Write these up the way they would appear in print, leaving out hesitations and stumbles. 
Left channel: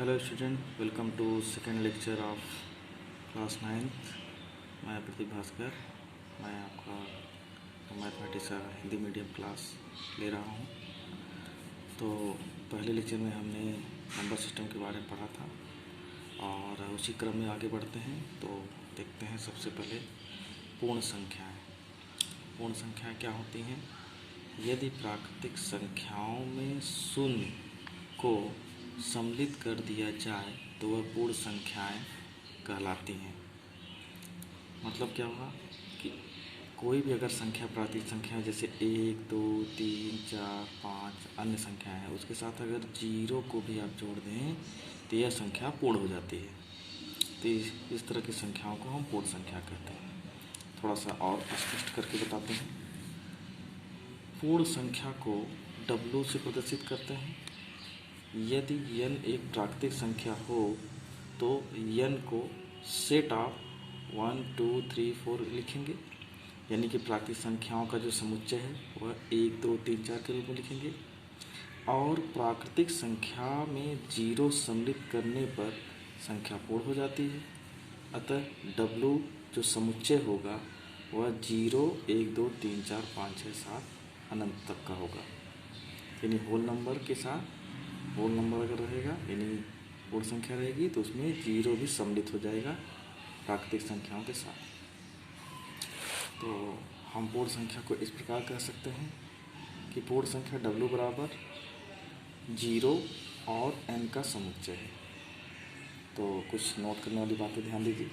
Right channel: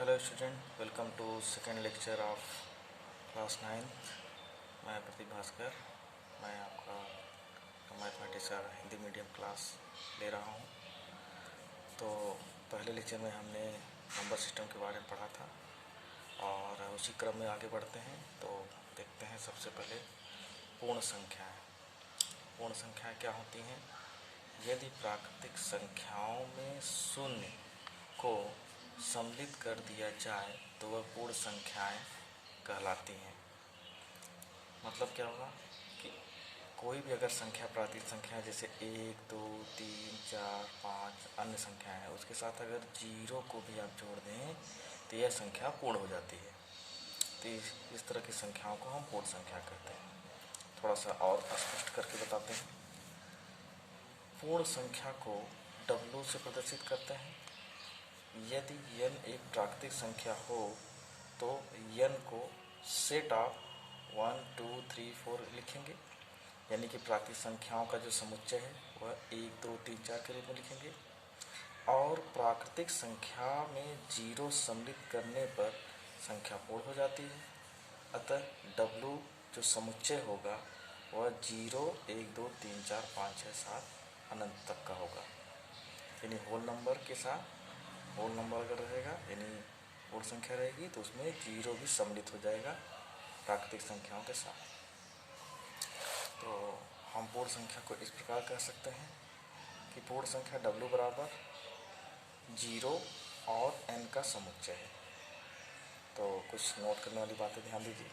Hello student, welcome to second lecture of class 9th। मैं प्रदीप भास्कर। मैं आपका मैथमेटिक्स का हिंदी मीडियम क्लास ले रहा हूँ। तो पहले लेक्चर में हमने नंबर सिस्टम के बारे में पढ़ा था और उसी क्रम में आगे बढ़ते हैं। तो देखते हैं सबसे पहले पूर्ण संख्याएँ। पूर्ण संख्याएँ क्या होती हैं? यदि प्राकृतिक संख्याओं में शून्य को सम्मिलित कर दिया जाए तो वह पूर्ण संख्याएं कहलाती हैं। मतलब क्या होगा कि कोई भी अगर संख्या प्राकृतिक संख्या जैसे 1, 2, 3, 4, 5 अन्य संख्याएं हैं, उसके साथ अगर जीरो को भी आप जोड़ दें तो यह संख्या पूर्ण हो जाती है। तो इस तरह की संख्याओं को हम पूर्ण संख्या कहते हैं। थोड़ा सा और स्पष्ट करके बताते हैं। पूर्ण संख्या को W से प्रदर्शित करते हैं। यदि n एक प्राकृतिक संख्या हो तो n को सेट ऑफ 1, 2, 3, 4 लिखेंगे, यानी कि प्राकृतिक संख्याओं का जो समुच्चय है वह 1, 2, 3, 4 के रूप में लिखेंगे। और प्राकृतिक संख्या में जीरो सम्मिलित करने पर संख्या पूर्ण हो जाती है। अतः W जो समुच्चय होगा वह 0, 1, 2, 3, 4, 5, 6, 7 अनंत तक का होगा। यानी होल नंबर के साथ होल नंबर अगर रहेगा यानी पूर्ण संख्या रहेगी तो उसमें जीरो भी सम्मिलित हो जाएगा प्राकृतिक संख्याओं के साथ। तो हम पूर्ण संख्या को इस प्रकार कह सकते हैं कि पूर्ण संख्या W बराबर 0 और n का समुच्चय है। तो कुछ नोट करने वाली बातें ध्यान दीजिए।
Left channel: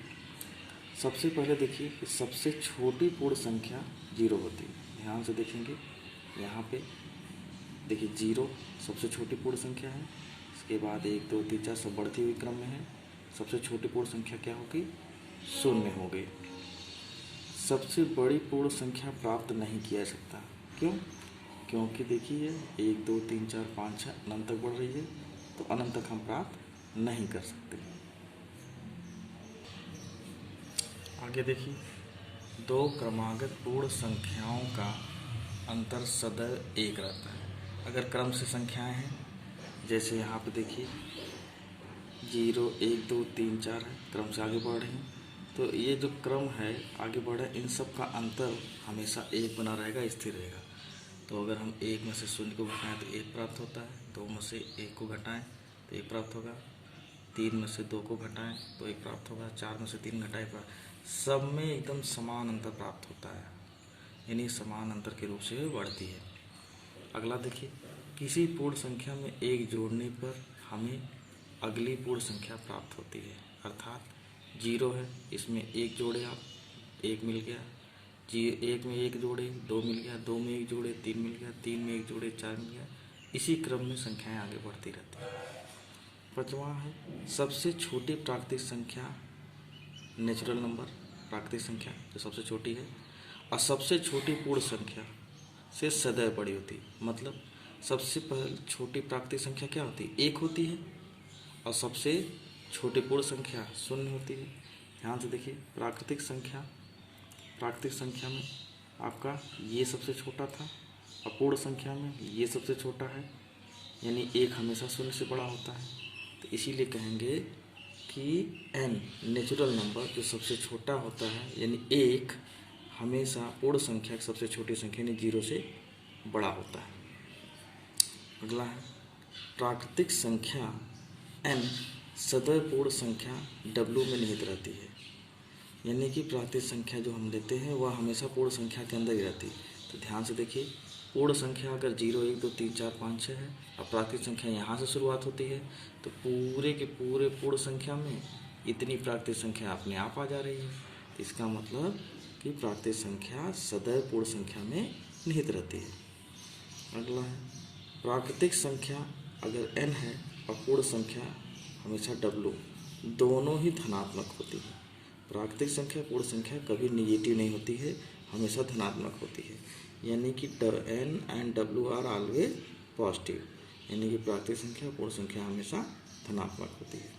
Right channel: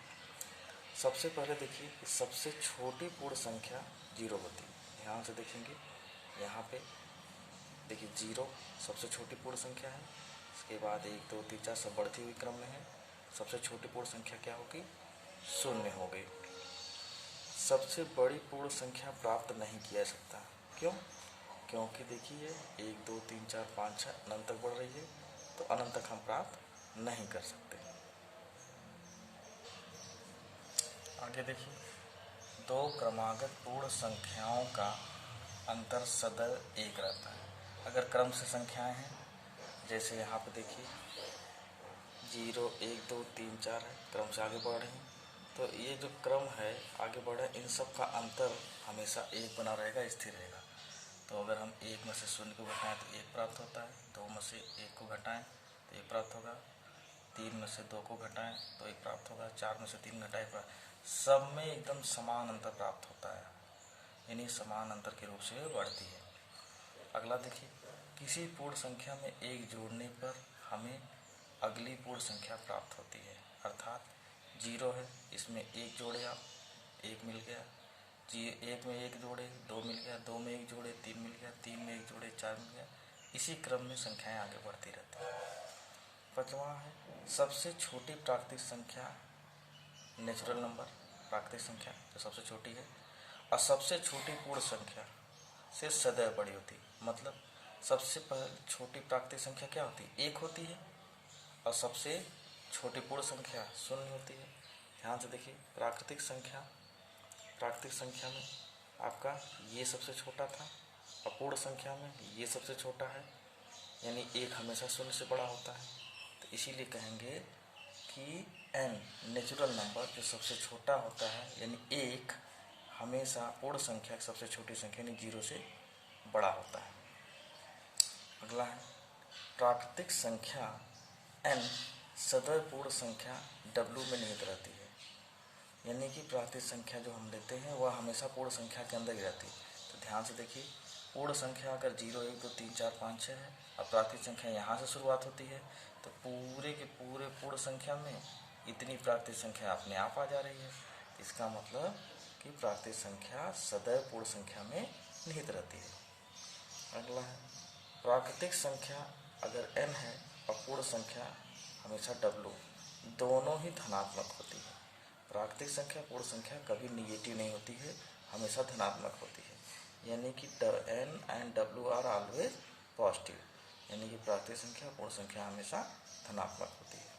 सबसे पहले देखिए कि सबसे छोटी पूर्ण संख्या 0 होती है। ध्यान से देखेंगे, यहाँ पे देखिए 0 सबसे छोटी पूर्ण संख्या है। इसके बाद 1, 2, 3, 4 सब बढ़ती हुई क्रम में है। सबसे छोटी पूर्ण संख्या क्या होगी? 0 हो गई। सबसे बड़ी पूर्ण संख्या प्राप्त नहीं किया जा सकता। क्यों? क्योंकि देखिए 1, 2, 3, 4, 5, 6 अनंत तक बढ़ रही है, तो अनंत तक हम प्राप्त नहीं कर सकते। आगे देखिए, दो क्रमागत पूर्ण संख्याओं का अंतर सदैव एक रहता है। अगर क्रम से संख्याएं हैं, जैसे यहाँ पे देखिए 0, 1, 2, 3, 4 है, क्रम से आगे बढ़ रहे हैं, तो ये जो क्रम है आगे बढ़ रहा है, इन सब का अंतर हमेशा एक बना रहेगा, स्थिर रहेगा। तो अगर हम 1 में से 0 को घटाएं तो 1 प्राप्त होता है, 2 में से 1 को घटाएं तो 1 प्राप्त होगा, 3 में से 2 को घटाएं तो 1 प्राप्त होगा, 4 में से 3 घटाएं सब में एकदम समान अंतर प्राप्त होता है, यानी समान अंतर के रूप से बढ़ती है। अगला देखिए, किसी पूर्ण संख्या में 1 जोड़ने पर हमें अगली पूर्ण संख्या प्राप्त होती है। अर्थात 0 है, इसमें 1 जोड़े आप, 1 मिल गया। 1 में 1 जोड़े 2 मिल गया, 2 में 1 जोड़े 3 मिल गया, 3 में 1 जोड़े 4 मिल गया। इसी क्रम में संख्याएं आगे बढ़ती रहती हैं। 5वां है सबसे छोटी प्राकृतिक संख्या, नेचुरल नंबर प्राकृतिक संख्या जो सबसे छोटी है और सबसे छोटी पूर्ण संख्या से सदैव बड़ी होती है। मतलब सबसे पहले छोटी प्राकृतिक संख्या क्या होती है? 1 होती है और सबसे छोटी पूर्ण संख्या 0 होती है। ध्यान से देखिए, प्राकृतिक संख्या में आपका ये सबसे छोटा था और पूर्ण संख्या में ये सबसे छोटा है, यानी 1 हमेशा 0 से बड़ा होता है। तो इसीलिए कहेंगे कि n नेचुरल नंबर जो सबसे छोटा होता है, यानी 1 हमेशा पूर्ण संख्या की सबसे छोटी संख्या यानी 0 से बड़ा होता है। अगला है प्राकृतिक संख्या n सदैव पूर्ण संख्या W में निहित रहती है, यानी कि प्राकृतिक संख्या जो हम लेते हैं वह हमेशा पूर्ण संख्या के अंदर ही रहती है। तो ध्यान से देखिए, पूर्ण संख्या अगर 0, 1, 2, 3, 4, 5, 6 है और प्राकृतिक संख्या यहाँ से शुरुआत होती है, तो पूरे के पूरे पूर्ण संख्या में इतनी प्राकृतिक संख्या अपने आप आ जा रही है। इसका मतलब कि प्राकृतिक संख्या सदैव पूर्ण संख्या में निहित रहती है। अगला है प्राकृतिक संख्या अगर n है और पूर्ण संख्या हमेशा W, दोनों ही धनात्मक होती है। प्राकृतिक संख्या पूर्ण संख्या कभी निगेटिव नहीं होती है, हमेशा धनात्मक होती है, यानी कि n and W are always positive, यानी कि प्राकृतिक संख्या पूर्ण संख्या हमेशा धनात्मक होती है।